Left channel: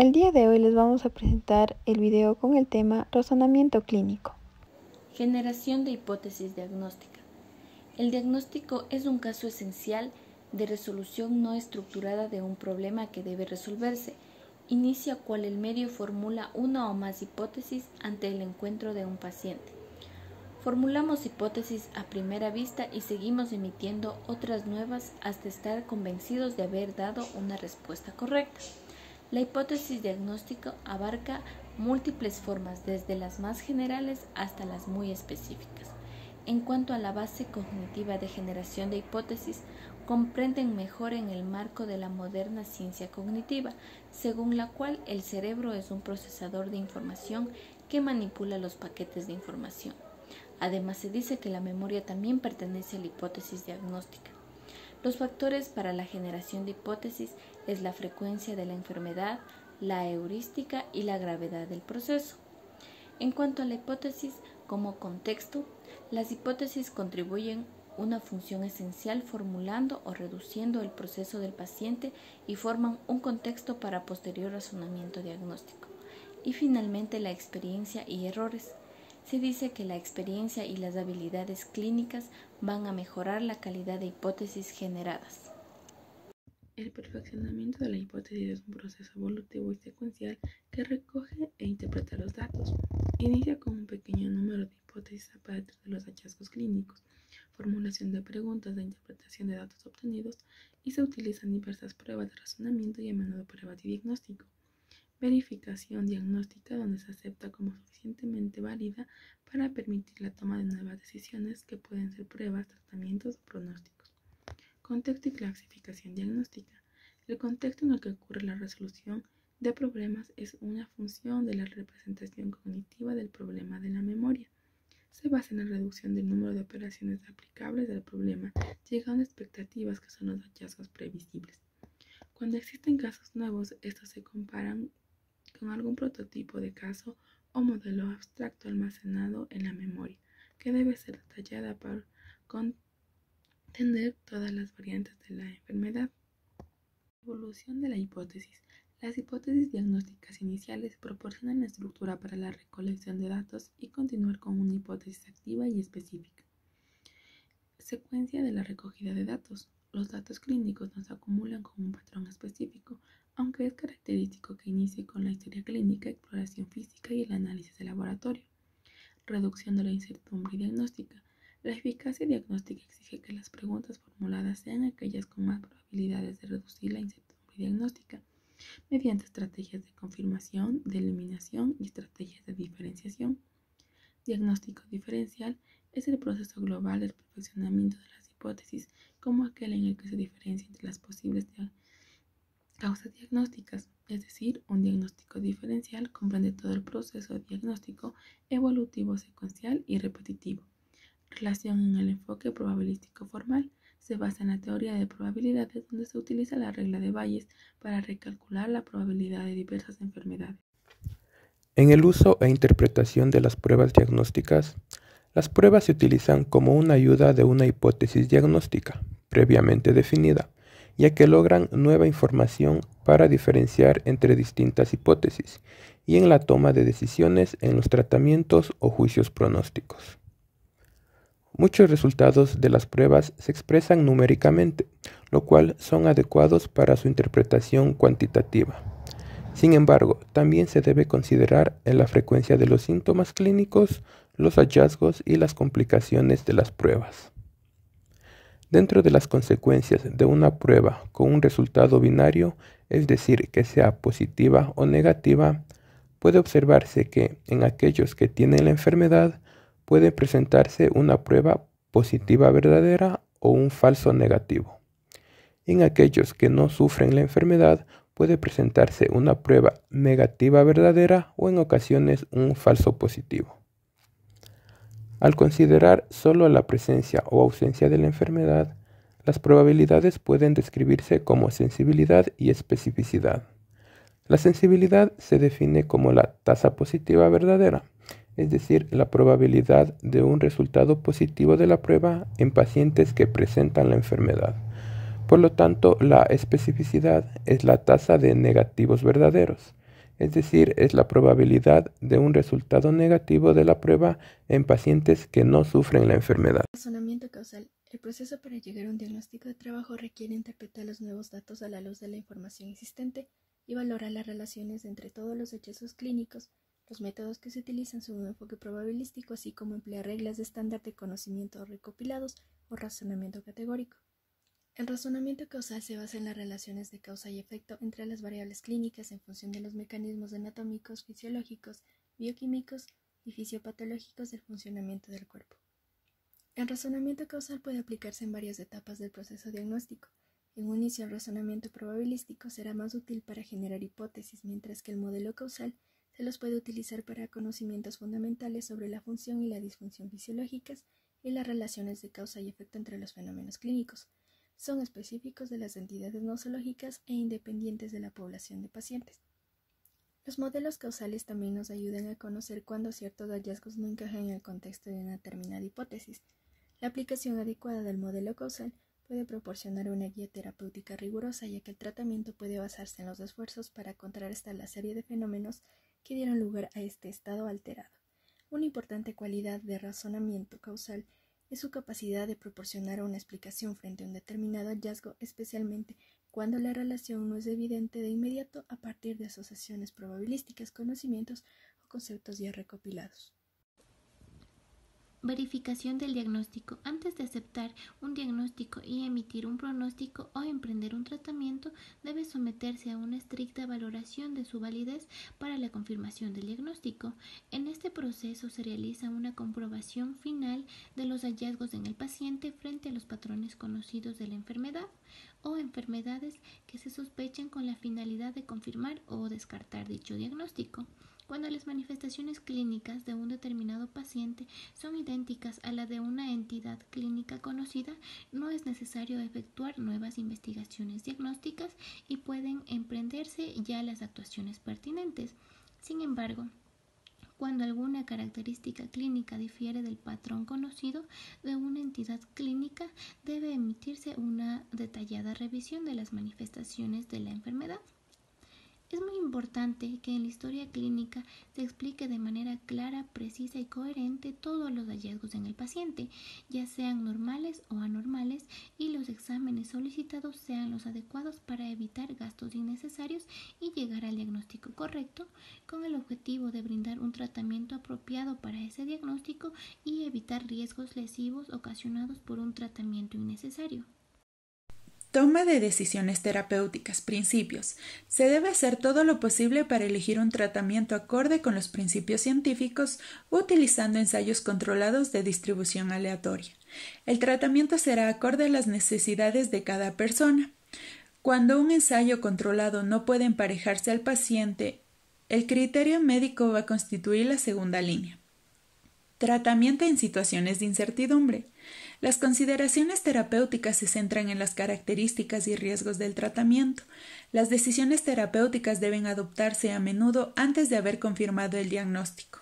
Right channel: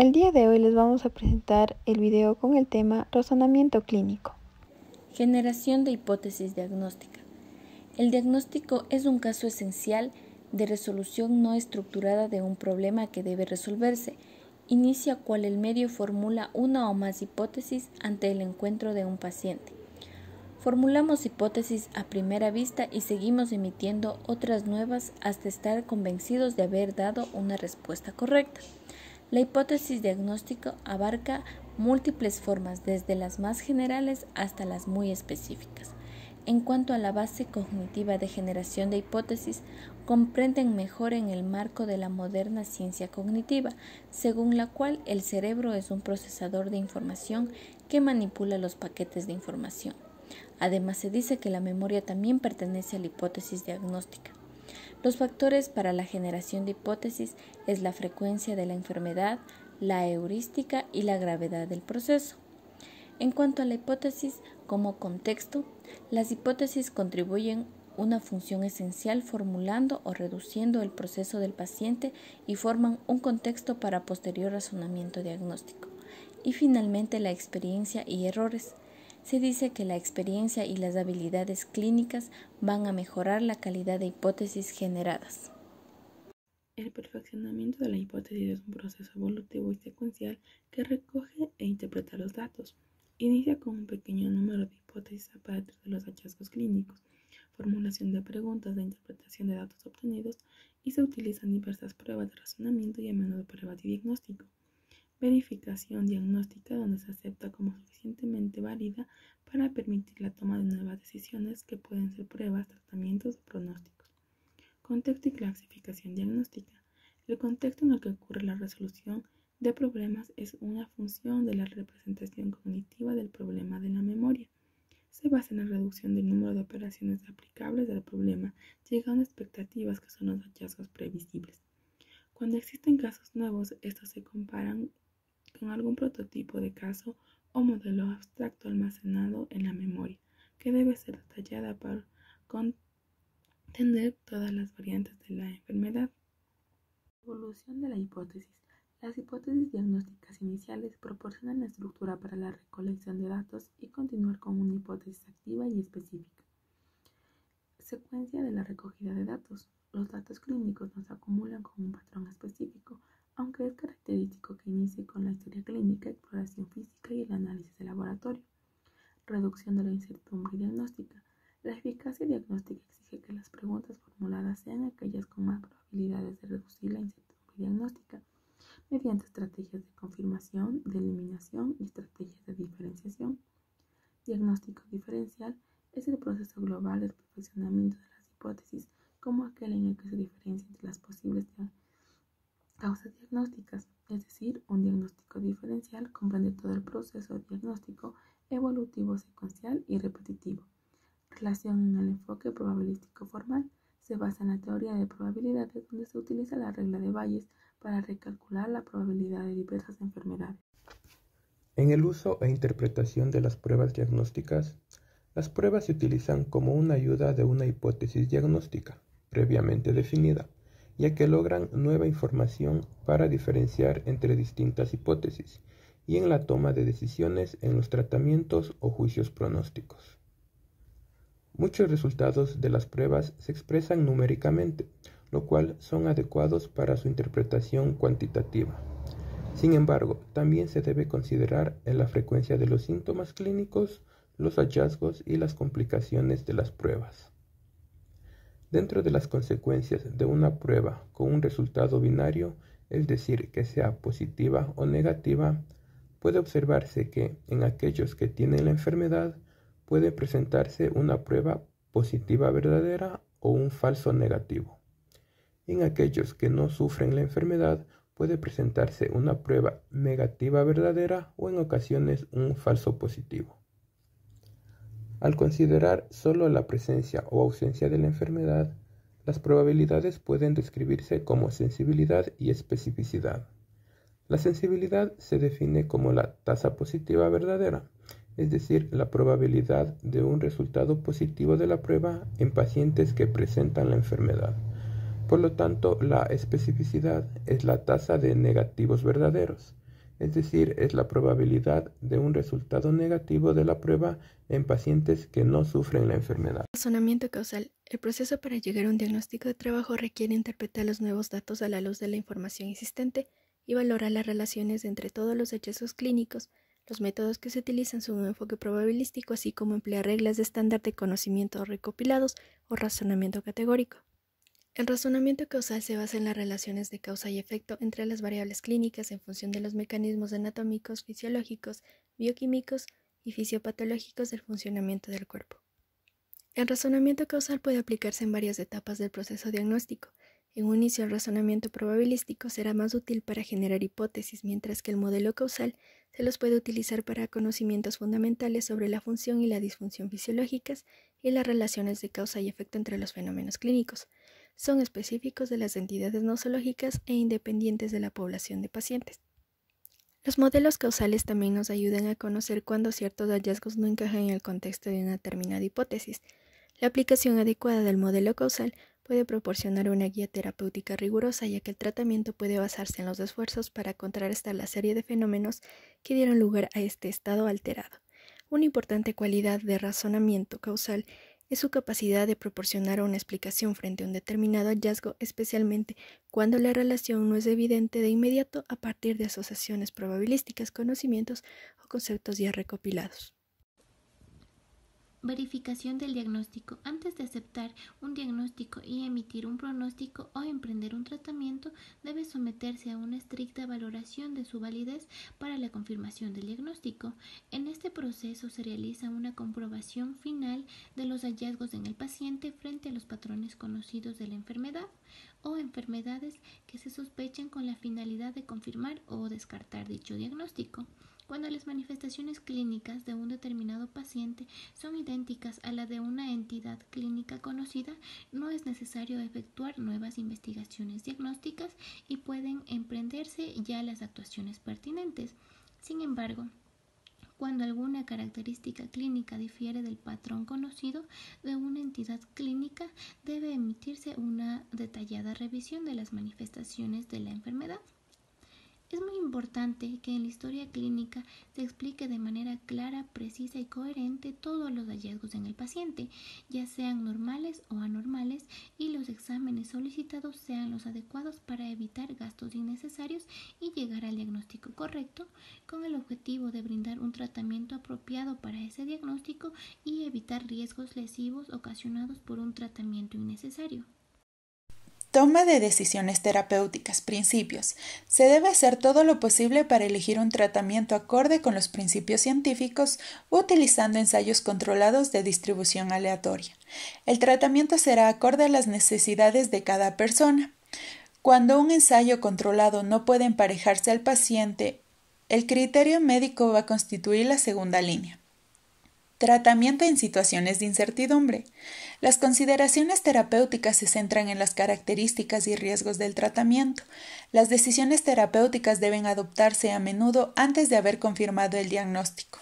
El día de hoy les vamos a presentar el video con el tema razonamiento clínico. Generación de hipótesis diagnóstica. El diagnóstico es un caso esencial de resolución no estructurada de un problema que debe resolverse. Inicia cual el medio formula una o más hipótesis ante el encuentro de un paciente. Formulamos hipótesis a primera vista y seguimos emitiendo otras nuevas hasta estar convencidos de haber dado una respuesta correcta. La hipótesis diagnóstica abarca múltiples formas, desde las más generales hasta las muy específicas. En cuanto a la base cognitiva de generación de hipótesis, comprenden mejor en el marco de la moderna ciencia cognitiva, según la cual el cerebro es un procesador de información que manipula los paquetes de información. Además, se dice que la memoria también pertenece a la hipótesis diagnóstica. Los factores para la generación de hipótesis es la frecuencia de la enfermedad, la heurística y la gravedad del proceso. En cuanto a la hipótesis como contexto, las hipótesis contribuyen una función esencial formulando o reduciendo el proceso del paciente y forman un contexto para posterior razonamiento diagnóstico. Y finalmente, la experiencia y errores. Se dice que la experiencia y las habilidades clínicas van a mejorar la calidad de hipótesis generadas. El perfeccionamiento de la hipótesis es un proceso evolutivo y secuencial que recoge e interpreta los datos. Inicia con un pequeño número de hipótesis a partir de los hallazgos clínicos, formulación de preguntas de interpretación de datos obtenidos, y se utilizan diversas pruebas de razonamiento y a menudo pruebas de diagnóstico. Verificación diagnóstica, donde se acepta como suficientemente válida para permitir la toma de nuevas decisiones que pueden ser pruebas, tratamientos o pronósticos. Contexto y clasificación diagnóstica. El contexto en el que ocurre la resolución de problemas es una función de la representación cognitiva del problema de la memoria. Se basa en la reducción del número de operaciones aplicables al problema, llegando a expectativas que son los hallazgos previsibles. Cuando existen casos nuevos, estos se comparan con algún prototipo de caso o modelo abstracto almacenado en la memoria, que debe ser detallada para contener todas las variantes de la enfermedad. Evolución de la hipótesis. Las hipótesis diagnósticas iniciales proporcionan la estructura para la recolección de datos y continuar con una hipótesis activa y específica. Secuencia de la recogida de datos. Los datos clínicos no se acumulan con un patrón específico, aunque es característico que inicie con la historia clínica, exploración física y el análisis de laboratorio. Reducción de la incertidumbre diagnóstica. La eficacia diagnóstica exige que las preguntas formuladas sean aquellas con más probabilidades de reducir la incertidumbre diagnóstica, mediante estrategias de confirmación, de eliminación y estrategias de diferenciación. Diagnóstico diferencial es el proceso global del perfeccionamiento de las hipótesis, como aquel en el que se diferencia entre las posibles causas diagnósticas, es decir, un diagnóstico diferencial comprende todo el proceso diagnóstico evolutivo, secuencial y repetitivo. Relación en el enfoque probabilístico formal. Se basa en la teoría de probabilidades, donde se utiliza la regla de Bayes para recalcular la probabilidad de diversas enfermedades. En el uso e interpretación de las pruebas diagnósticas, las pruebas se utilizan como una ayuda de una hipótesis diagnóstica previamente definida, ya que logran nueva información para diferenciar entre distintas hipótesis y en la toma de decisiones en los tratamientos o juicios pronósticos. Muchos resultados de las pruebas se expresan numéricamente, lo cual son adecuados para su interpretación cuantitativa. Sin embargo, también se debe considerar la frecuencia de los síntomas clínicos, los hallazgos y las complicaciones de las pruebas. Dentro de las consecuencias de una prueba con un resultado binario, es decir, que sea positiva o negativa, puede observarse que en aquellos que tienen la enfermedad puede presentarse una prueba positiva verdadera o un falso negativo. En aquellos que no sufren la enfermedad puede presentarse una prueba negativa verdadera o en ocasiones un falso positivo. Al considerar solo la presencia o ausencia de la enfermedad, las probabilidades pueden describirse como sensibilidad y especificidad. La sensibilidad se define como la tasa positiva verdadera, es decir, la probabilidad de un resultado positivo de la prueba en pacientes que presentan la enfermedad. Por lo tanto, la especificidad es la tasa de negativos verdaderos, es decir, es la probabilidad de un resultado negativo de la prueba en pacientes que no sufren la enfermedad. Razonamiento causal. El proceso para llegar a un diagnóstico de trabajo requiere interpretar los nuevos datos a la luz de la información existente y valorar las relaciones entre todos los hallazgos clínicos. Los métodos que se utilizan son un enfoque probabilístico, así como emplear reglas de estándar de conocimiento recopilados o razonamiento categórico. El razonamiento causal se basa en las relaciones de causa y efecto entre las variables clínicas en función de los mecanismos anatómicos, fisiológicos, bioquímicos y fisiopatológicos del funcionamiento del cuerpo. El razonamiento causal puede aplicarse en varias etapas del proceso diagnóstico. En un inicio, el razonamiento probabilístico será más útil para generar hipótesis, mientras que el modelo causal se los puede utilizar para conocimientos fundamentales sobre la función y la disfunción fisiológicas y las relaciones de causa y efecto entre los fenómenos clínicos. Son específicos de las entidades nosológicas e independientes de la población de pacientes. Los modelos causales también nos ayudan a conocer cuándo ciertos hallazgos no encajan en el contexto de una determinada hipótesis. La aplicación adecuada del modelo causal puede proporcionar una guía terapéutica rigurosa, ya que el tratamiento puede basarse en los esfuerzos para contrarrestar la serie de fenómenos que dieron lugar a este estado alterado. Una importante cualidad de razonamiento causal es su capacidad de proporcionar una explicación frente a un determinado hallazgo, especialmente cuando la relación no es evidente de inmediato a partir de asociaciones probabilísticas, conocimientos o conceptos ya recopilados. Verificación del diagnóstico. Antes de aceptar un diagnóstico y emitir un pronóstico o emprender un tratamiento, debe someterse a una estricta valoración de su validez para la confirmación del diagnóstico. En este proceso se realiza una comprobación final de los hallazgos en el paciente frente a los patrones conocidos de la enfermedad o enfermedades que se sospechan, con la finalidad de confirmar o descartar dicho diagnóstico. Cuando las manifestaciones clínicas de un determinado paciente son idénticas a la de una entidad clínica conocida, no es necesario efectuar nuevas investigaciones diagnósticas y pueden emprenderse ya las actuaciones pertinentes. Sin embargo, cuando alguna característica clínica difiere del patrón conocido de una entidad clínica, debe emitirse una detallada revisión de las manifestaciones de la enfermedad. Es muy importante que en la historia clínica se explique de manera clara, precisa y coherente todos los hallazgos en el paciente, ya sean normales o anormales, y los exámenes solicitados sean los adecuados para evitar gastos innecesarios y llegar al diagnóstico correcto, con el objetivo de brindar un tratamiento apropiado para ese diagnóstico y evitar riesgos lesivos ocasionados por un tratamiento innecesario. Toma de decisiones terapéuticas. Principios. Se debe hacer todo lo posible para elegir un tratamiento acorde con los principios científicos, utilizando ensayos controlados de distribución aleatoria. El tratamiento será acorde a las necesidades de cada persona. Cuando un ensayo controlado no puede emparejarse al paciente, el criterio médico va a constituir la segunda línea. Tratamiento en situaciones de incertidumbre. Las consideraciones terapéuticas se centran en las características y riesgos del tratamiento. Las decisiones terapéuticas deben adoptarse a menudo antes de haber confirmado el diagnóstico.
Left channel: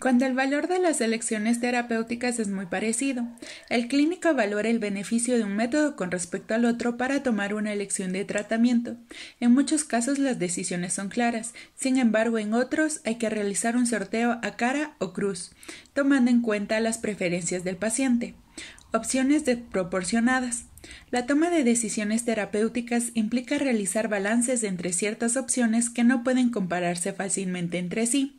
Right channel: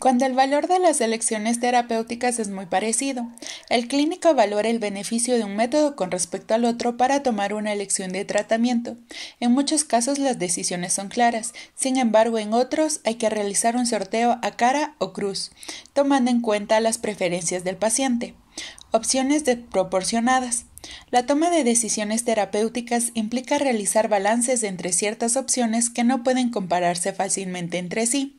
Cuando el valor de las elecciones terapéuticas es muy parecido, el clínico valora el beneficio de un método con respecto al otro para tomar una elección de tratamiento. En muchos casos las decisiones son claras, sin embargo en otros hay que realizar un sorteo a cara o cruz, tomando en cuenta las preferencias del paciente. Opciones proporcionadas. La toma de decisiones terapéuticas implica realizar balances entre ciertas opciones que no pueden compararse fácilmente entre sí.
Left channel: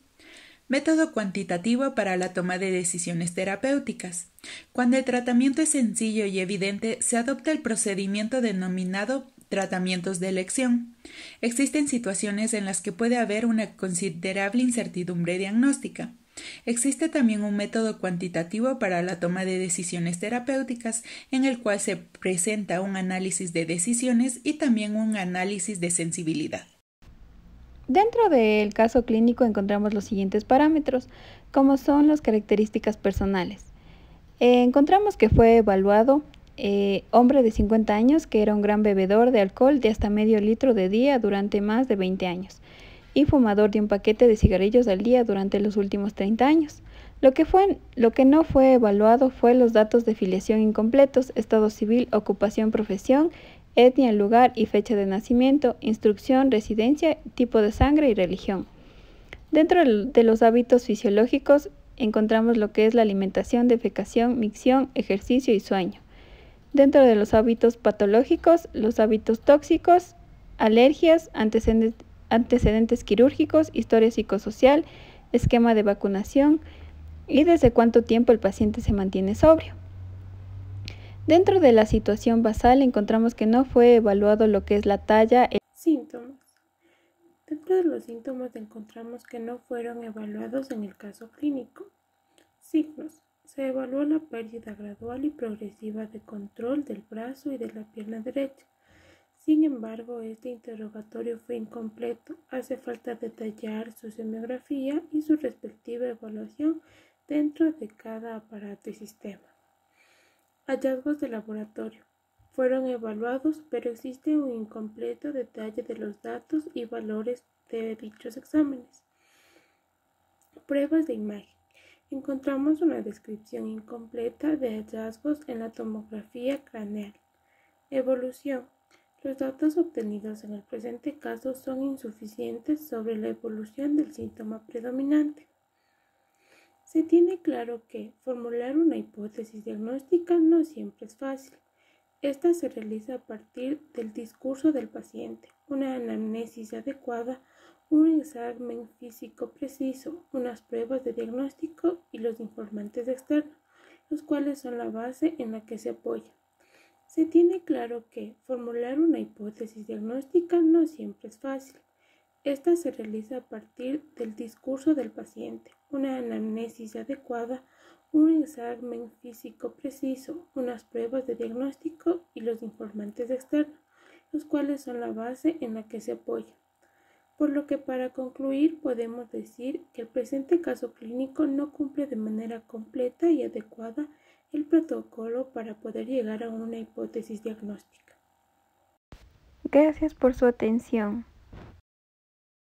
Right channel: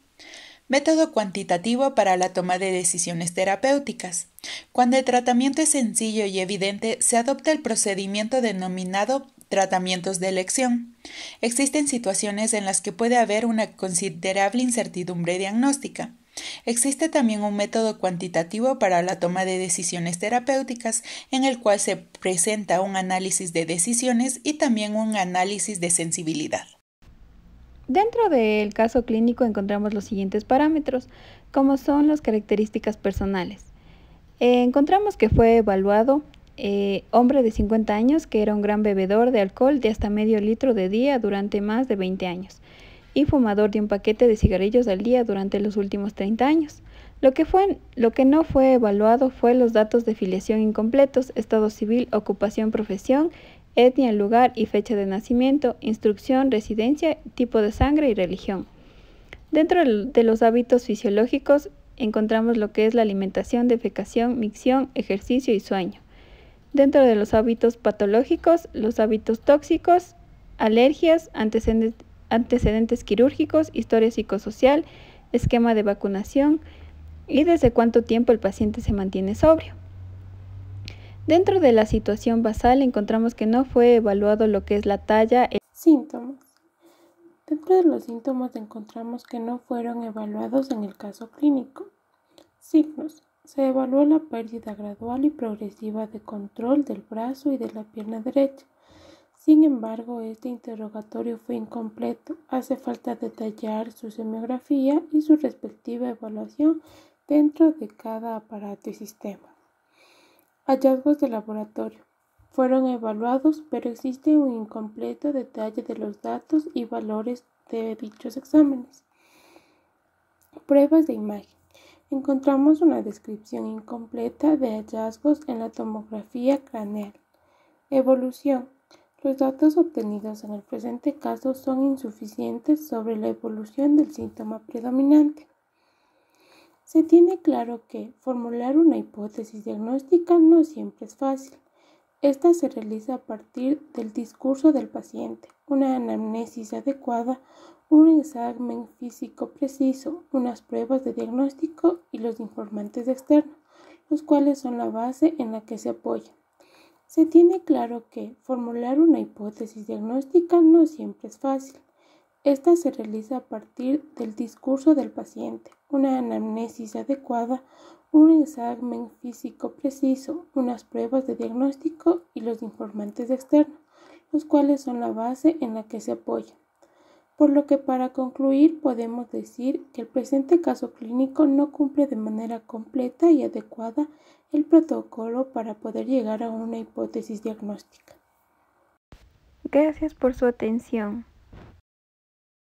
Método cuantitativo para la toma de decisiones terapéuticas. Cuando el tratamiento es sencillo y evidente, se adopta el procedimiento denominado tratamientos de elección. Existen situaciones en las que puede haber una considerable incertidumbre diagnóstica. Existe también un método cuantitativo para la toma de decisiones terapéuticas, en el cual se presenta un análisis de decisiones y también un análisis de sensibilidad. Dentro del caso clínico encontramos los siguientes parámetros, como son las características personales. Encontramos que fue evaluado hombre de 50 años que era un gran bebedor de alcohol de hasta medio litro de día durante más de 20 años y fumador de un paquete de cigarrillos al día durante los últimos 30 años. Lo que no fue evaluado fue los datos de filiación incompletos, estado civil, ocupación, profesión etnia, lugar y fecha de nacimiento, instrucción, residencia, tipo de sangre y religión. Dentro de los hábitos fisiológicos encontramos lo que es la alimentación, defecación, micción, ejercicio y sueño. Dentro de los hábitos patológicos, los hábitos tóxicos, alergias, antecedentes quirúrgicos, historia psicosocial, esquema de vacunación y desde cuánto tiempo el paciente se mantiene sobrio. Dentro de la situación basal encontramos que no fue evaluado lo que es la talla. Síntomas. Dentro de los síntomas encontramos que no fueron evaluados en el caso clínico. Signos. Se evaluó la pérdida gradual y progresiva de control del brazo y de la pierna derecha. Sin embargo, este interrogatorio fue incompleto. Hace falta detallar su semiografía y su respectiva evaluación dentro de cada aparato y sistema. Hallazgos de laboratorio. Fueron evaluados, pero existe un incompleto detalle de los datos y valores de dichos exámenes. Pruebas de imagen. Encontramos una descripción incompleta de hallazgos en la tomografía craneal. Evolución. Los datos obtenidos en el presente caso son insuficientes sobre la evolución del síntoma predominante. Se tiene claro que formular una hipótesis diagnóstica no siempre es fácil. Esta se realiza a partir del discurso del paciente, una anamnesis adecuada, un examen físico preciso, unas pruebas de diagnóstico y los informantes externos, los cuales son la base en la que se apoya. Se tiene claro que formular una hipótesis diagnóstica no siempre es fácil. Esta se realiza a partir del discurso del paciente, una anamnesis adecuada, un examen físico preciso, unas pruebas de diagnóstico y los informantes externos, los cuales son la base en la que se apoya. Por lo que para concluir podemos decir que el presente caso clínico no cumple de manera completa y adecuada el protocolo para poder llegar a una hipótesis diagnóstica. Gracias por su atención.